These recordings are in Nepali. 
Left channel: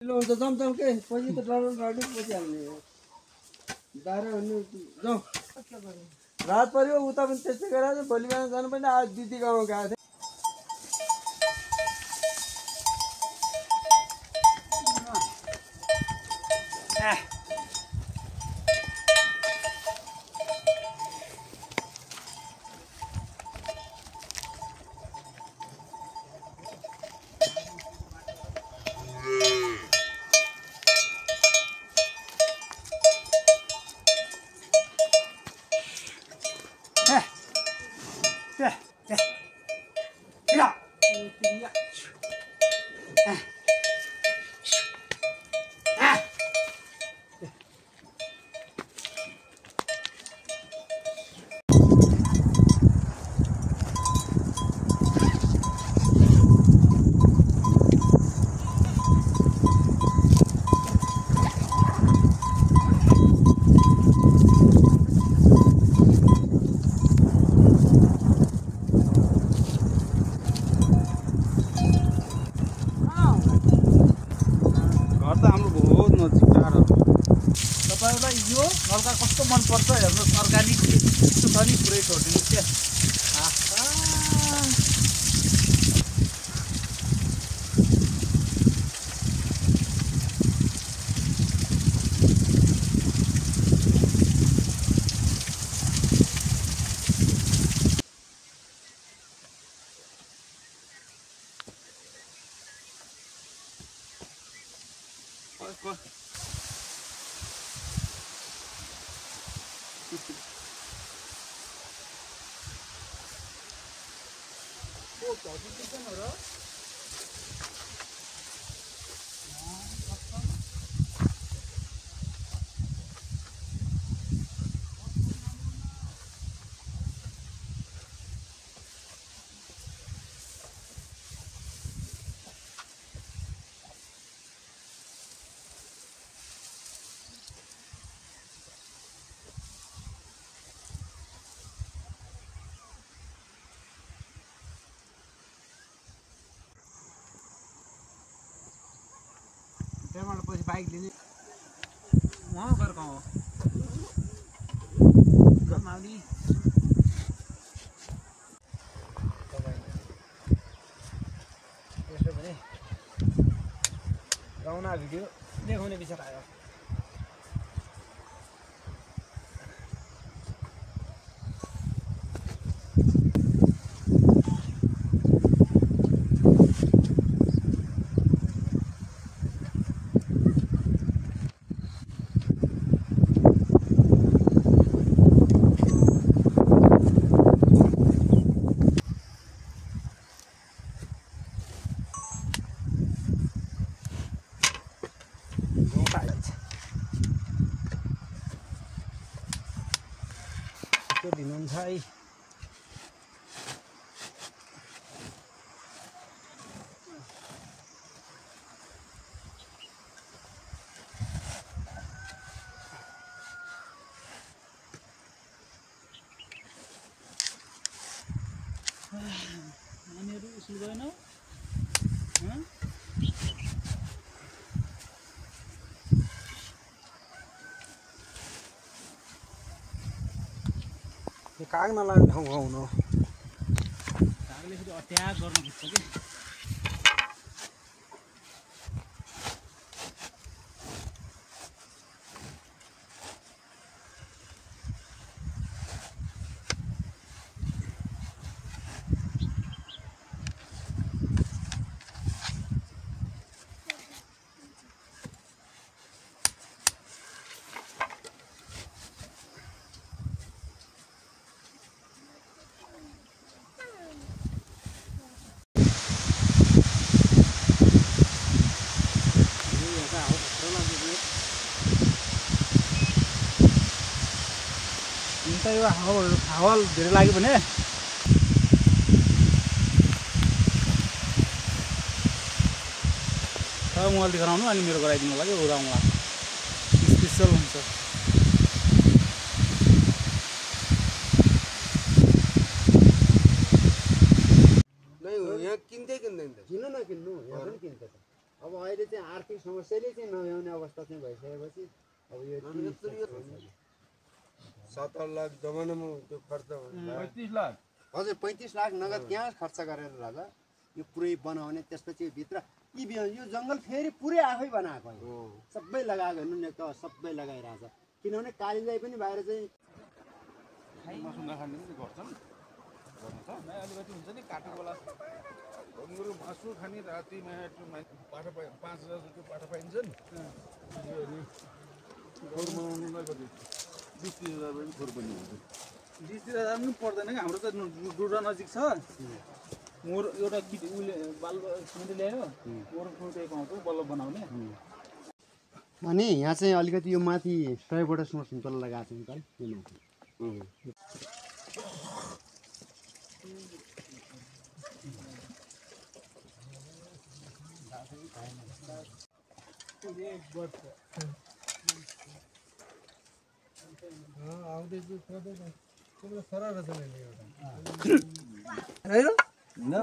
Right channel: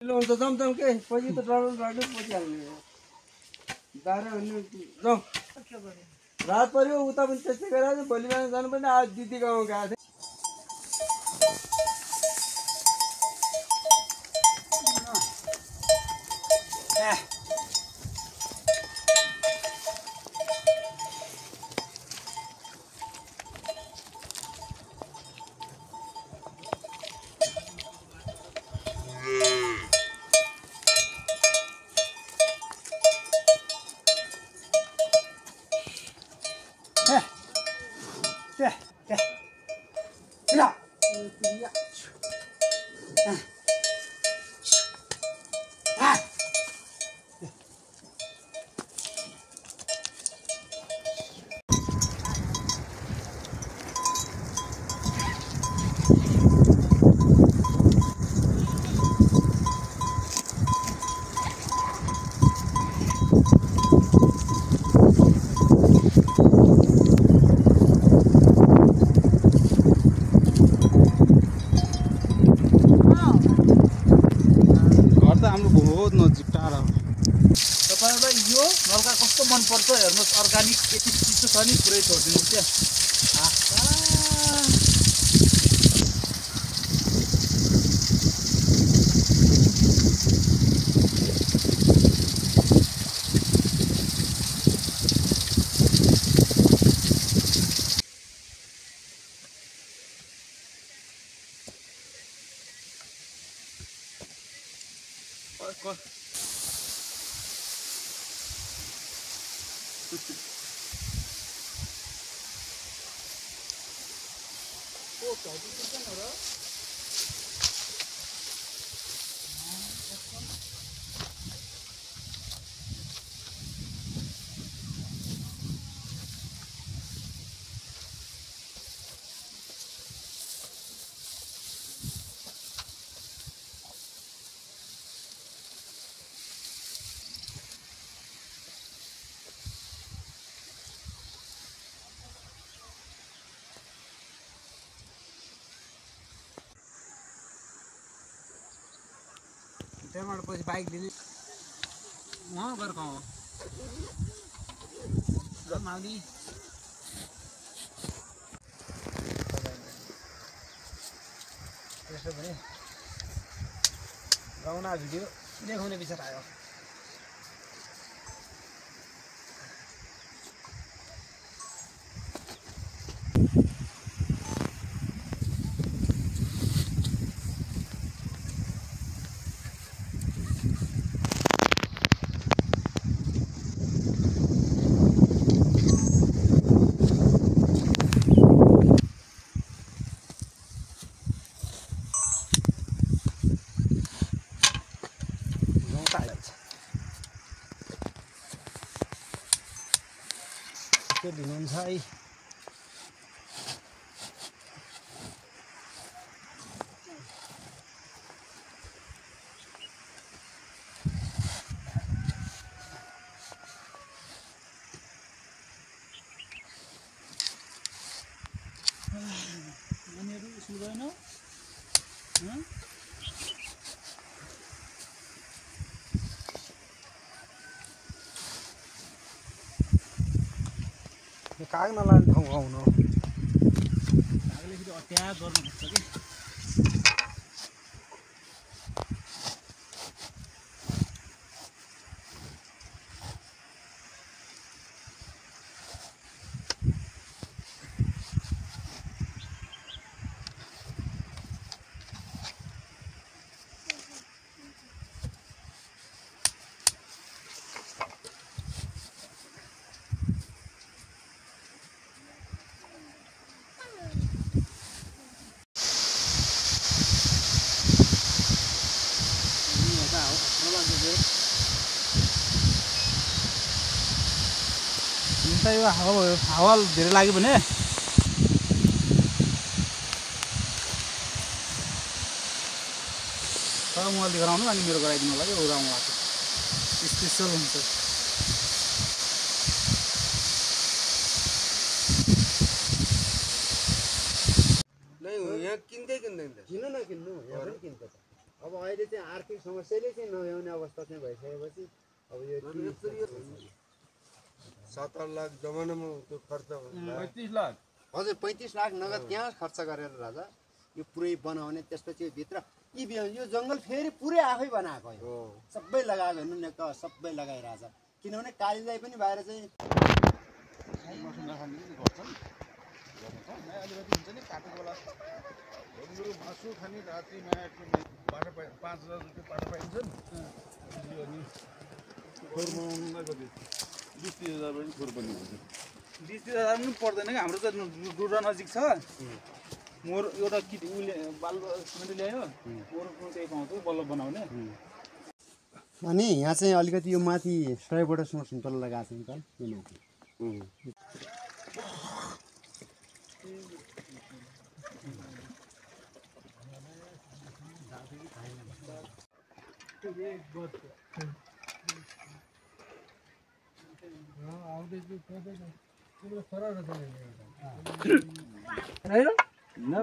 लो त जमजम के पछि त डराउनु लाग्यो पछि हाल्ने दारा हुने जाउँ रात पर्यो उता पनि त्यस्तै गरेर भोलि बिहान जानु पर्ने आज दिदी गाउँ गएको थिएँ नलका कस्तो मन पर्छ हेर्नुस् अर्गानिक यस्तो छ नि पुरै छोड्दिनु क्या त्यहाँबाट पछि बाइक लिने वहाँ गएर कहाँ हो माउली त्यसो भने गाउना भिडियो देखाउने विचार आयो दिनुहुन्छ है यिनीहरू स्कुल गएनौ काग नलाने ठाउँ आउनु कागले फेरि अत्याचार गर्नु खोज्छ कि यो हावा धेरै लाग्यो भने मलाई देखाउनु अनि मेरो गराइदिनु होला कि उडाउनु स्पेसल हुन्छ किन्दै किन्दैन किन्नु नकिन्नु यहाँ पनि किन्छ त अब अहिले चाहिँ आर्थिक समस्याले चाहिँ नभ्याउने अवस्था चाहिँ भइसकेपछि अब यो 17 लाख जमानामा त्यो खर्च 35 लाख हजुर 35 लाख नगद त्यहाँ खर्च गरेर राजा यो पुरै बनाउने त्यसपछि भित्र यो जङ्गल फेरि पुरै आफै बनाएको हो सबै लगाएको नुनेक सबै लगाइरहेछ किनभने कालीलाई पनि बाहिर चाहिँ मासु खाने राति पाठा 5,000 रुपियाँ पाठा पाइन्छ नि अनि खोर बनाउनुलाई कति 20-30,000 पनि खोर पनि हुन्छ 20-30,000 पनि पर्दैन कि हाम्रो त डुड्रा नजिक छ मोर एउटा उसले बाल सिमेन्ट ल्यायो मोर त्यही पाउँछ बल्ल बनाउने अनि यहाँ चाहिँ अलिकति यो माथि 100 सुन्तला लगाएको छ नि त यो माथि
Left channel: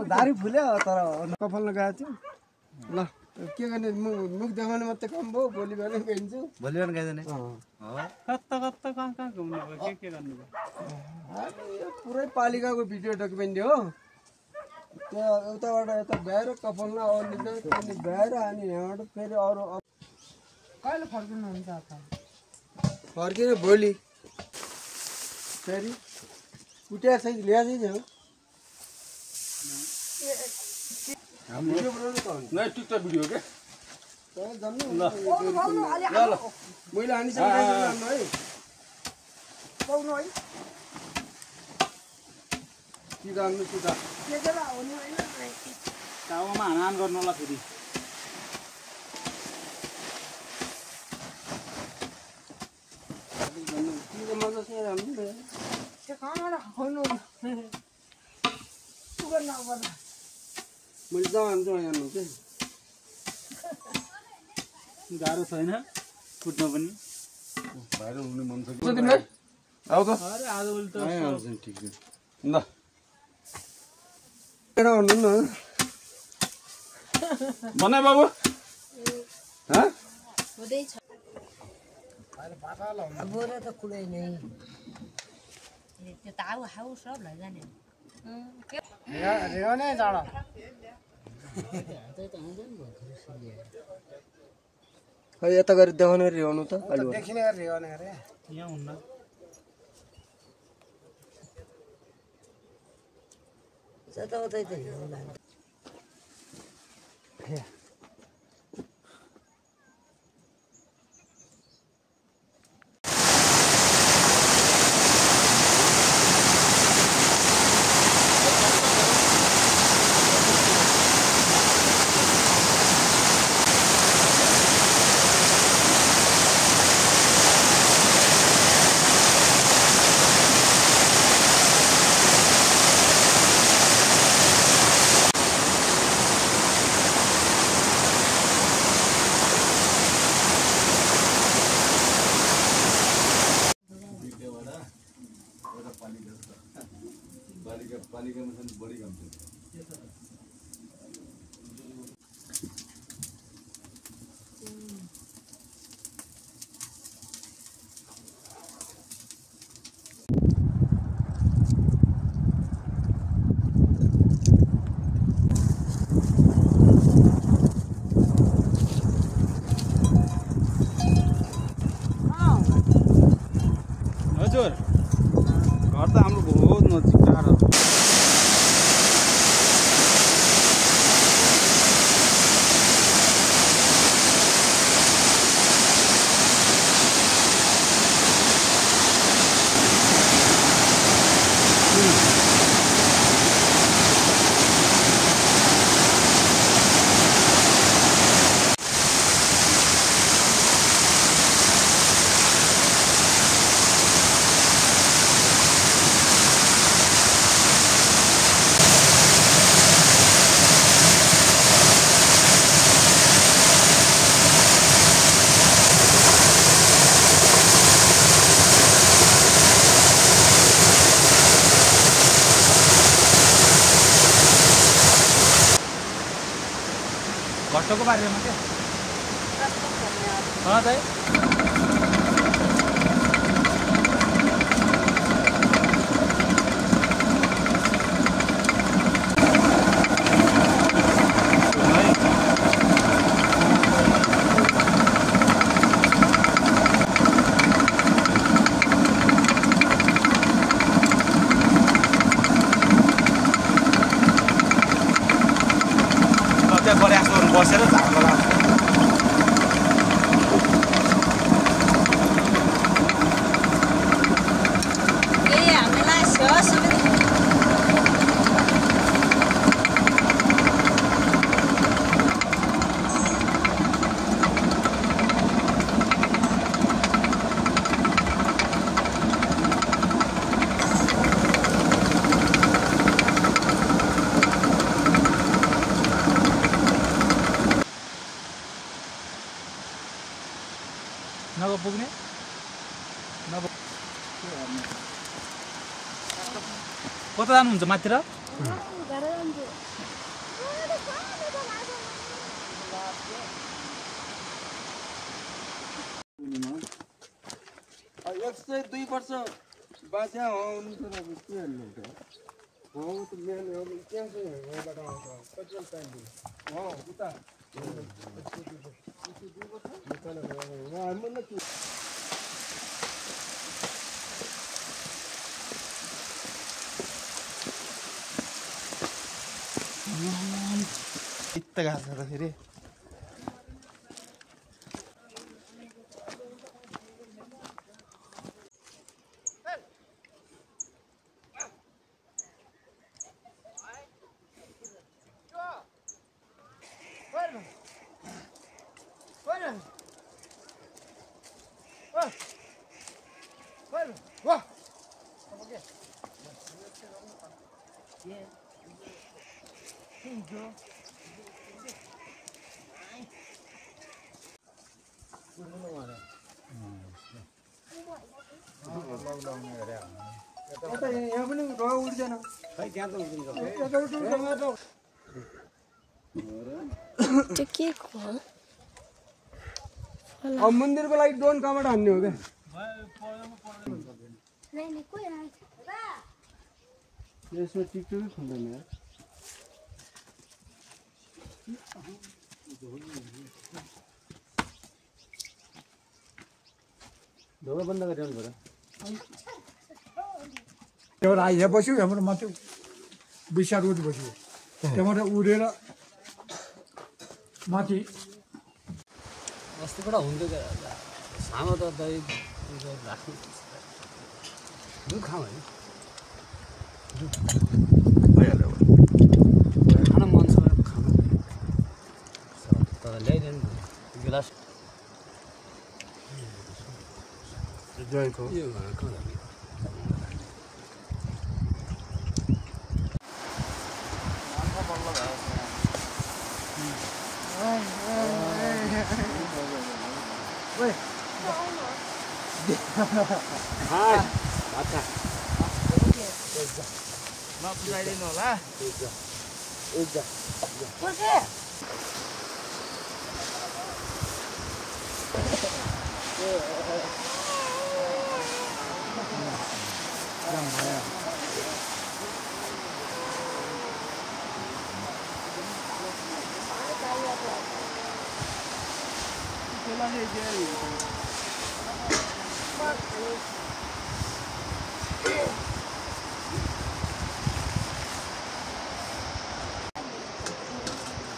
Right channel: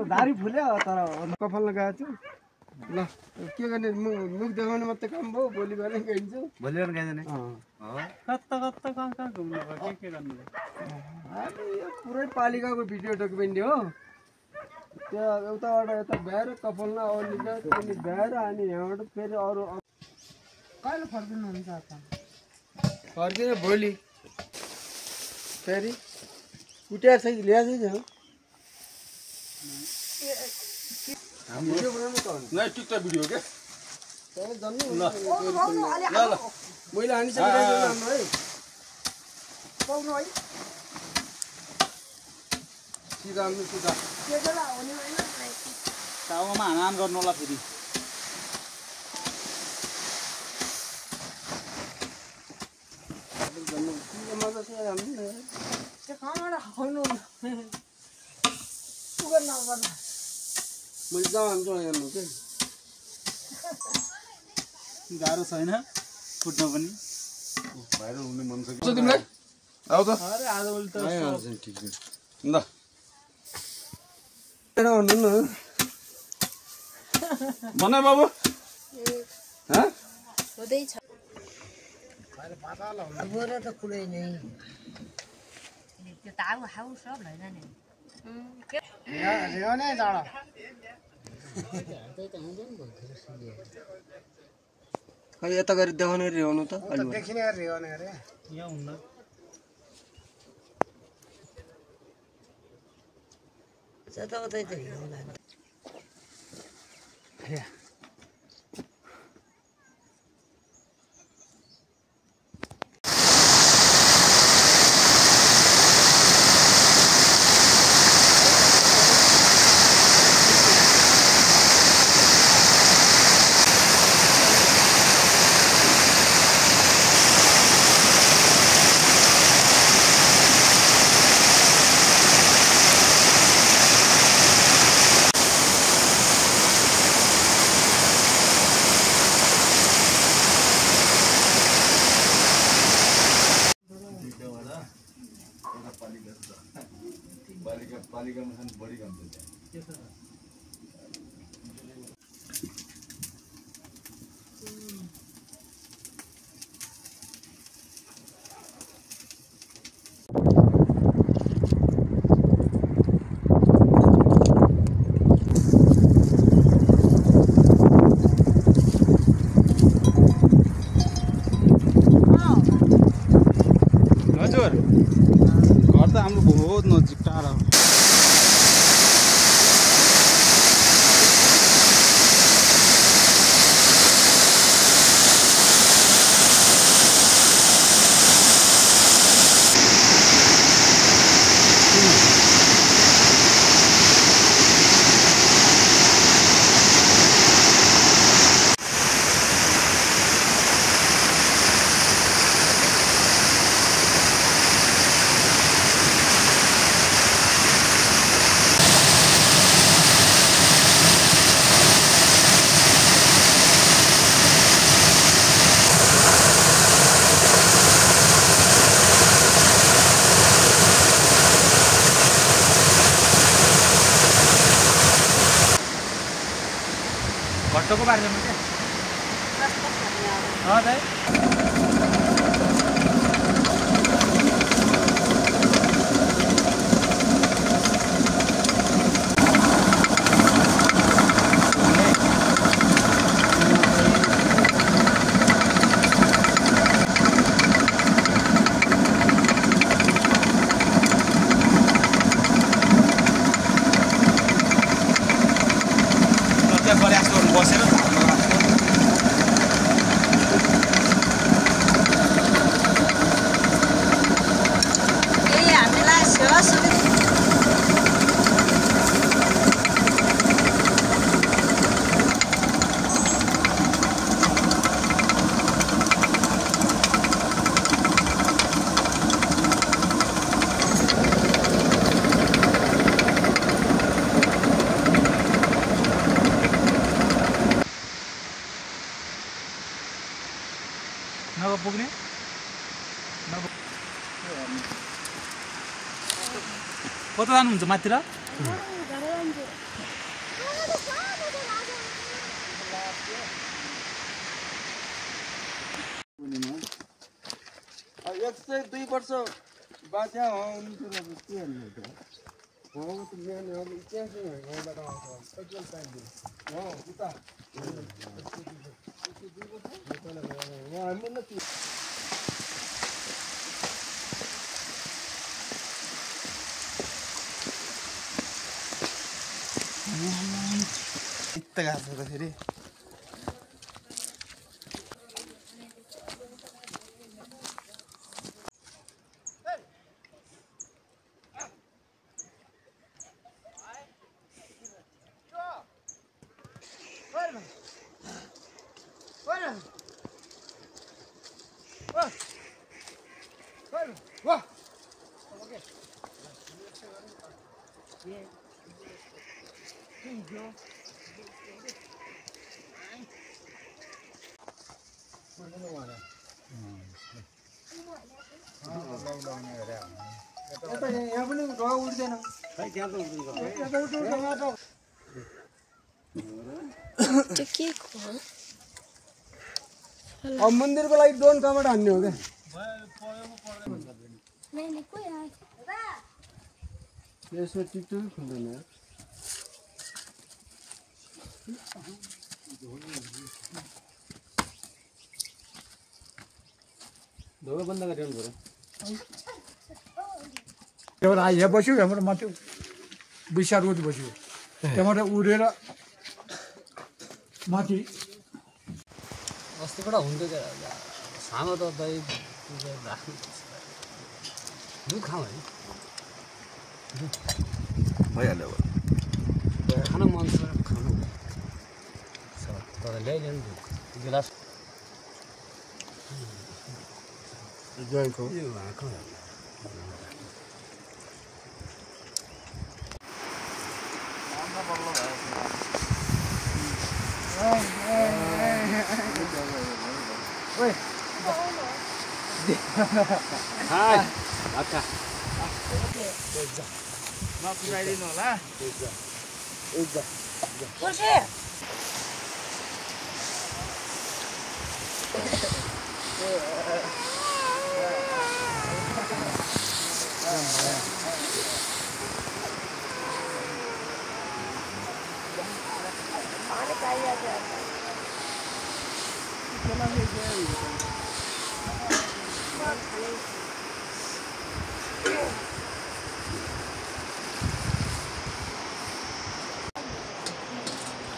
दारी फुल्यो तर कपाल लगाएको छु ल के गर्ने मुख देखाउने मात्रै काम भयो भोलि बिहानै गइन्छु भोलि बिहान गइदैन कता कहाँ घुम्नु भयो के गर्नु भयो यो पुरै पालिकाको भिडियो डकुमेन्ट हो त्यहाँ एउटाबाट यता भ्याएर कपालमा अलिक अनि भ्याएर अनि यहाँबाट फेरि अरू कहिले फर्किनुहुन्छ त फर्किएर भोलि फेरि कुटिया चाहिँ ल्याएकै छैन भिडियो बनाउनु त नै टिकटक भिडियो के त्यहाँ जन्नु ल मैले हानिसकेको है पाउनु है सिधा हाल्नु सिधा के बेला हुने होइन टाउमा हान गर्नु होला फेरि मजासँग हाल्नु नि त्यो कहाँबाट खाउनु सुगर नगर्नु मैले जहाँ हाल्छु हेर्नु के गाह्रो छैन फुट्नु पनि भाइरल हुने मन छ कि तिमीलाई आऊ त अरे आज उल्टा ठिक छ ल भन्नु न बनाए बाबु हुँदैछ बोरा त कुरै नै त्यो ताउ हाउ सब लैजाने रेउने जाडो खै यता गरी देखाउनु रिहाउनु त अलि देखिने रेउने अरे यहाँ हुन्न जताउतै त हिउँला पालिकामा छन् बढी काम छ हजुर घर त हाम्रो बहुत नजिक टाढा पुग्ने कता जानुहुन्छ माथितिर एक सय 2 वर्ष बाद यहाँ आउनु त अब के भन्नु त हो त मेन अब इतिहास भइबाट आउँछ पेट्रोल पाइन्छ हो उता इत्त घाँस छ फेरि यहाँ पनि ढुवा उड्दैन अब मन्दिरको लागि ड्रोन कहाँबाट हान्ने हो क्या यसमा टिकटक खुल्दैन ढोका बन्द गरिरहनु पर्यो एउटा यहाँ बस्यो हाम्रो माथि बैसा रोड बस्यो त्यहाँबाट उडेर माथि अस्तिबाट हुन्थ्यो सानो त दही राख्नु दुध खाउँ है खान मन छ खानु तर ल्याइदिनु गिलास जयको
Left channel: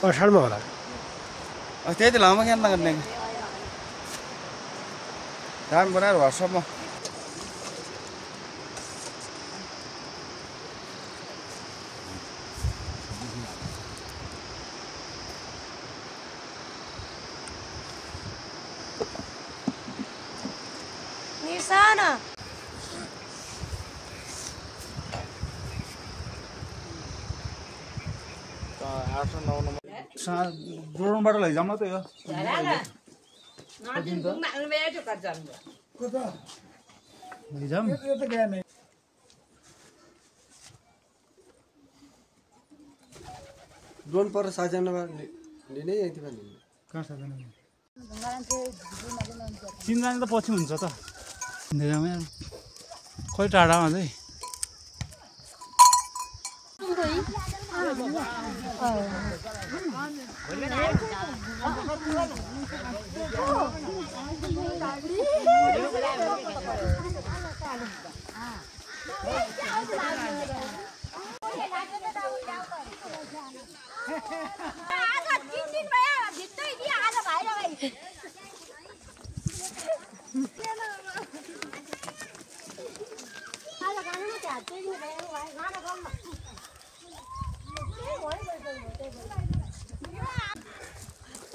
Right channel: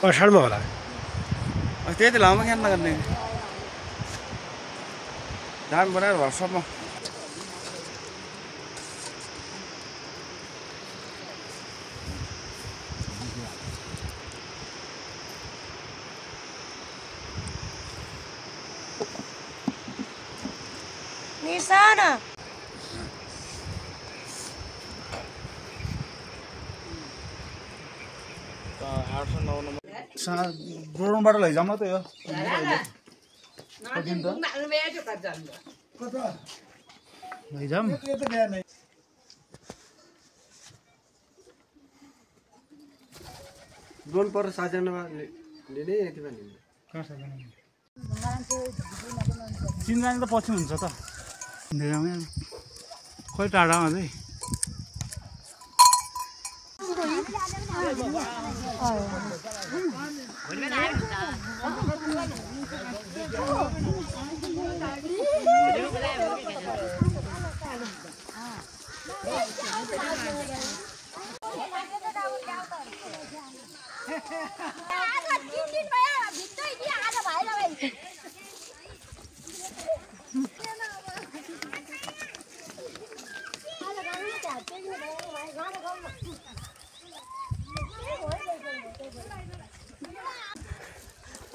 असाढमा होला त्यही त लामो खेल्न गर्ने धान बनाएर भर्सम्म Nisana. ड्रोनबाट लैजाउँ न त यो लैजाउँ ड्रोन पर 7 जना लिने यति पनि कहाँ छ चिन्जानी त पछि हुन्छ त धेरैमा खोइ टाढामा चाहिँ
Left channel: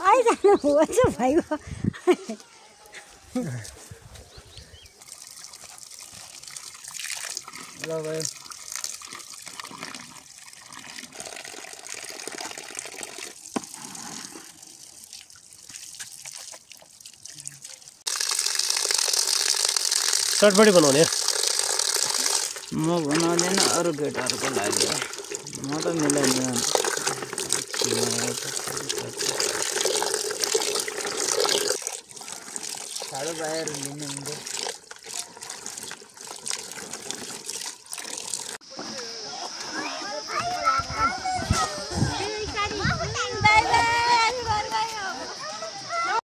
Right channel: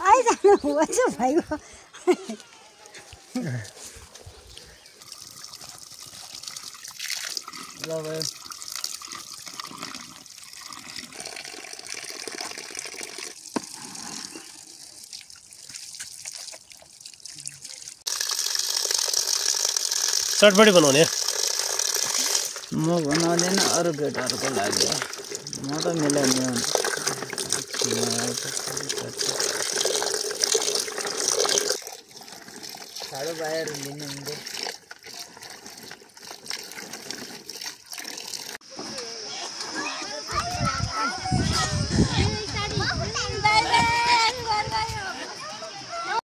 आइजानु हुन्छ भाइको ल भयो चटपटी बनाउने म बनाउँदैन अरू केटाहरूको लागि म त मिलाइदिनु साह्रो बाहिर लिनु